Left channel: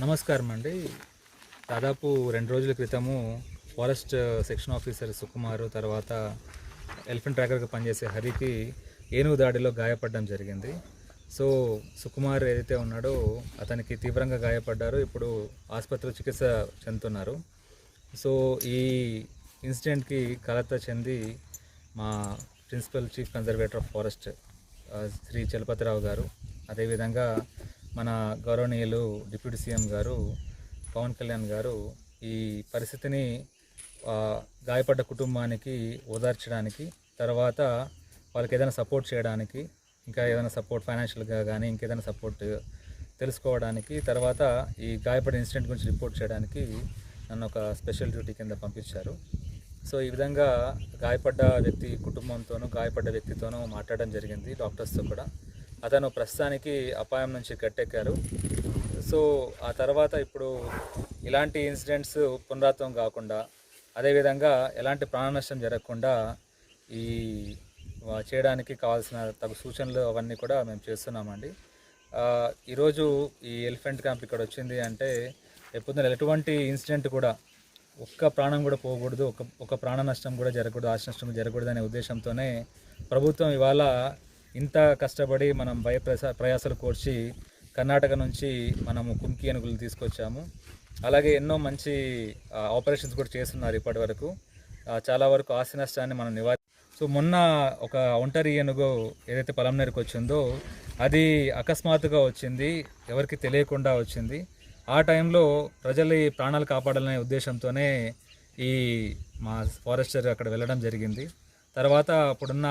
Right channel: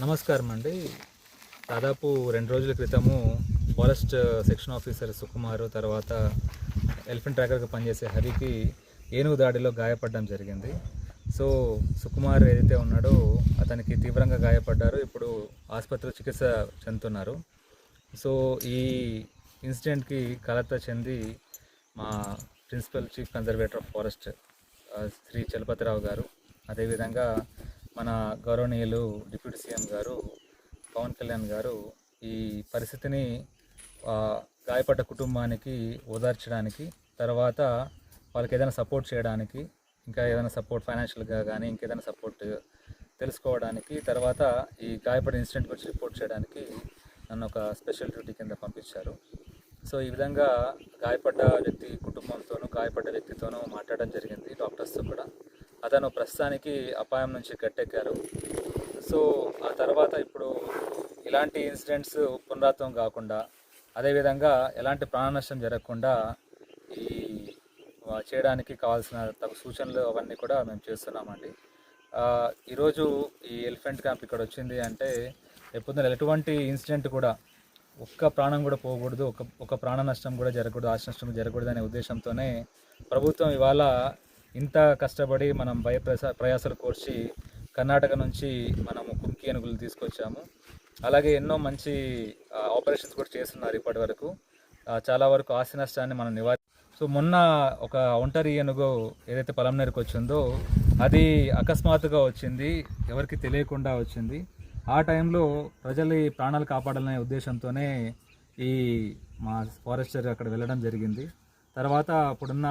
నమస్కారం అండి. దాదాపు రెండు రోజుల క్రితము ఫారెస్ట్ సెక్షన్ ఆఫీసర్ సుకుమార్ తర్వాత ఎలిఫెంట్ ట్రాకర్గా పనిచేసే హరికి ఏనుగు దాడిలో గాయపడడం జరిగింది. సో సుకుమార్ ఏదైతే ఉన్నాడో అతనికి తీవ్రంగా గాయపడ్డారు. ఇప్పుడు ఆసుపత్రిలో చికిత్స చెందుతున్నారు. సో ఈ ఇన్సిడెంట్కి కలత చెంది మా principal chief conservator of forest Sri Chalapathi Rao గారు అదేవిధంగా మన గౌరవనీయులు డిప్యూటీ సీఎం గారు పవన్ కళ్యాణ్ గారు ఈ పరిస్థితిని గాయపడ్డ కుటుంబానికి ఓదార్చడానికి తర్వాత వాళ్ళకి ఏదైనా సపోర్ట్ చేయడానికి ఇంకా ఏదైనా సపోర్ట్ ఫైనాన్షియల్గా కానీ ఇంకేదైనా సపోర్ట్ తెలుసుకోవడానికి తర్వాత ఈ గాయపడిన ఇన్సిడెంట్ గురించి రిపోర్ట్ చేయడానికి నన్ను ఒక స్పెషల్ డ్యూటీ కింద పంపించారు. సో ఈ విధంగా గాయపడ్డ వ్యక్తి కుటుంబంతోనూ గాయపడ్డ వ్యక్తితోనూ మాట్లాడడం జరిగింది డాక్టర్స్తో కూడా. అతను ప్రస్తుతానికి అపాయం నుంచి గట్టెక్కారు. సో ఆ తర్వాత ఇప్పుడు ఇలాంటి ఇన్సిడెంట్స్ పునరావృతం కాకుండా అదేవిధంగా ఎలాంటి ప్రాణ నష్టం జరగకుండా ఈ చేయడానికి కావాల్సిన తగు సూచనలు అవన్నీ కూడా మేము చేస్తున్నామండి. ఈరోజు ఈ ఎలిఫెంట్ క్యాంప్ ఇక్కడ వచ్చింది అంటే ఎప్పుడు ఎటువంటి ఇన్సిడెంట్ కూడా ఒక్క ప్రాణం కూడా పోకూడదు ఒక ఒక ప్రాణ నష్టం కూడా జరగకూడదు ఆశ నష్టం జరగకూడదు అనే ఉద్దేశంతోనే ప్రభుత్వం ఇవాళ ఇంత కష్టపడి మనం భయ ప్రసా ప్రయాసాలు కోర్చి కర్ణాటక నుంచి మనము కుంకి ఏనుగులు తీసుకొచ్చాము. అలాగే ఎన్నో మంచి ఆపరేషన్స్ కూడా చేస్తున్నారు ఇప్పటి వరకు. చాలా వరకు ఆస్తి నష్టాన్ని మనం నివారి సో మొన్న ఒక ఒంటరి ఏనుగు ఏదైతే పొలంనేరుకు వచ్చిందో అది అకస్మాత్తుగా వచ్చింది ఎవరికి తెలియకుండా వచ్చింది. ఆ టైంలో ప్రజల ఈ ప్రాణాలు కాపాడాలనే ఉద్దేశంతోనే ఈ మా ఫారెస్టర్ అక్కడ వెళ్ళడం జరిగింది. తర్వాత అప్పుడున్న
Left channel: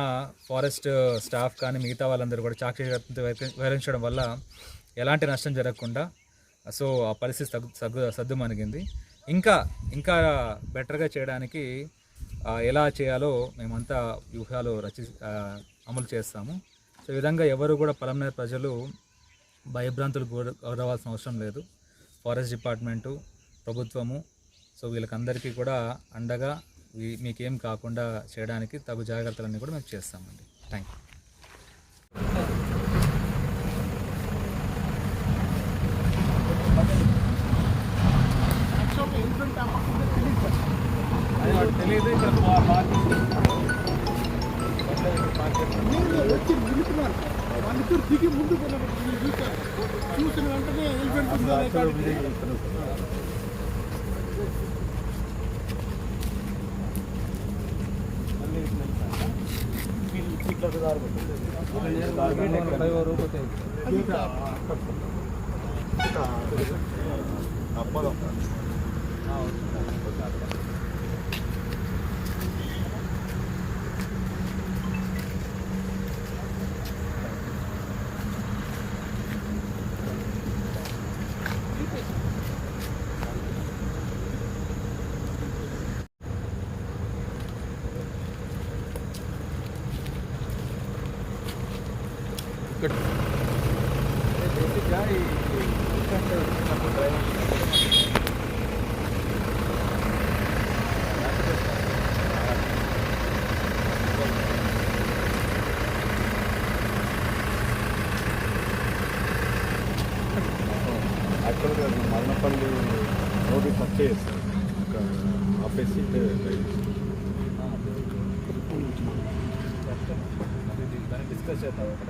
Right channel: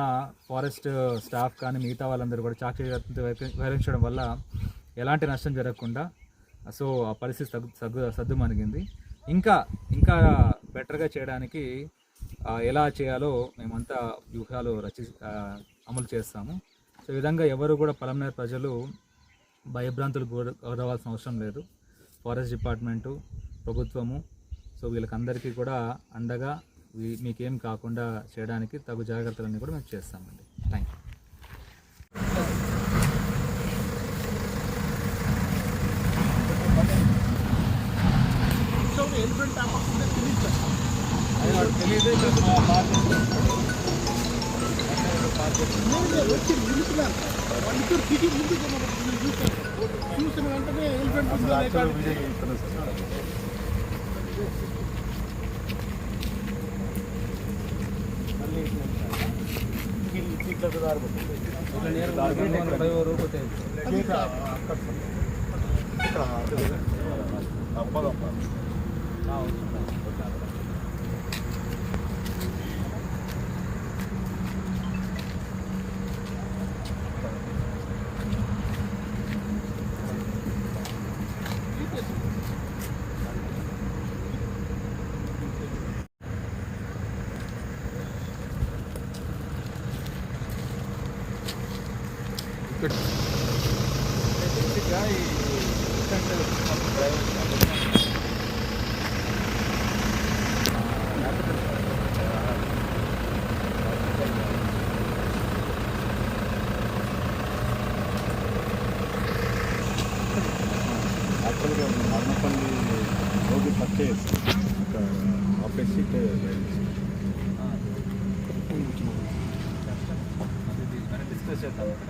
ఫారెస్ట్ స్టాఫ్ కానీ మిగతా వాళ్ళందరూ కూడా చాకచక్యంతో వ్యవహరించడం వల్ల ఎలాంటి నష్టం జరగకుండా సో ఆ పరిస్థితి తగ్గు సగ్గు సద్దుమణిగింది. ఇంకా ఇంకా బెటర్గా చేయడానికి ఎలా చేయాలో మేమంతా వ్యూహాలు రచి అమలు చేస్తాము. సో ఈ విధంగా ఎవరు కూడా పలమనేరు ప్రజలు భయభ్రాంతులు గౌరవాల్సిన అవసరం లేదు. ఫారెస్ట్ డిపార్ట్మెంటు ప్రభుత్వము సో వీళ్ళకందరికీ కూడా అండగా మీకేం కాకుండా చేయడానికి తగు జాగ్రత్తలన్నీ కూడా మేము చేస్తామండి. థ్యాంక్ యూ చూసిన వెంటనే ఎలిఫెంట్ ఉందో లేకపోతే యాక్చువల్గా మరణపల్లి రోడ్డు టచ్ చేస్తాం అక్కడ ఆపోజిట్ డిస్కస్ చేద్దాం ఇక్కడ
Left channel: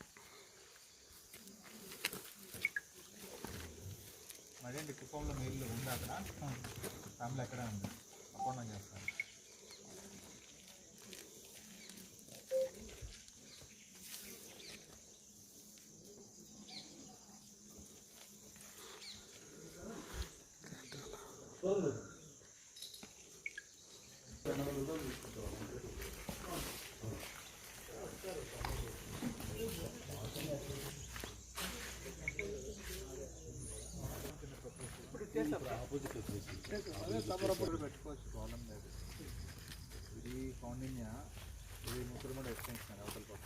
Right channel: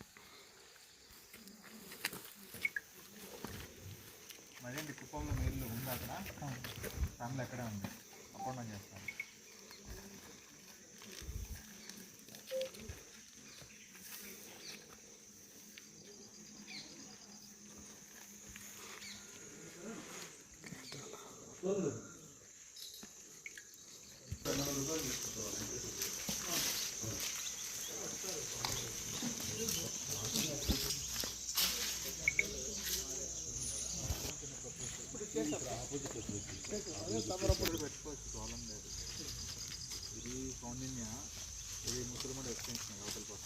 కుప్పంలో నీళ్ళు ఉంది అక్కడ. ఫ్యామిలీ అక్కడే ఉంది. అప్పుడు చేస్తాను. ప్రాబ్లం లేదు. ఇది కౌండిన్య ఇది ముసలిమడ ఎక్స్టెన్షన్ అవతల పక్క.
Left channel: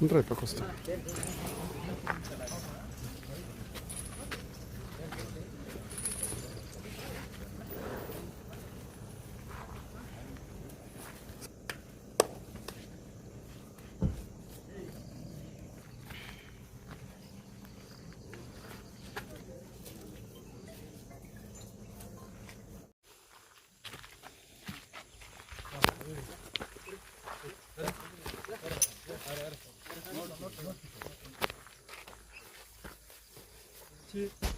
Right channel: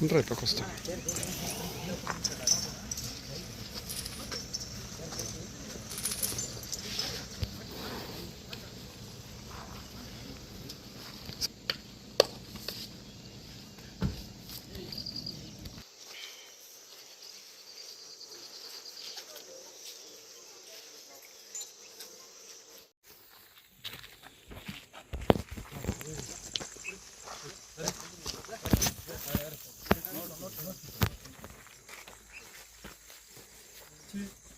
Ну, Драй по кустам. Merci.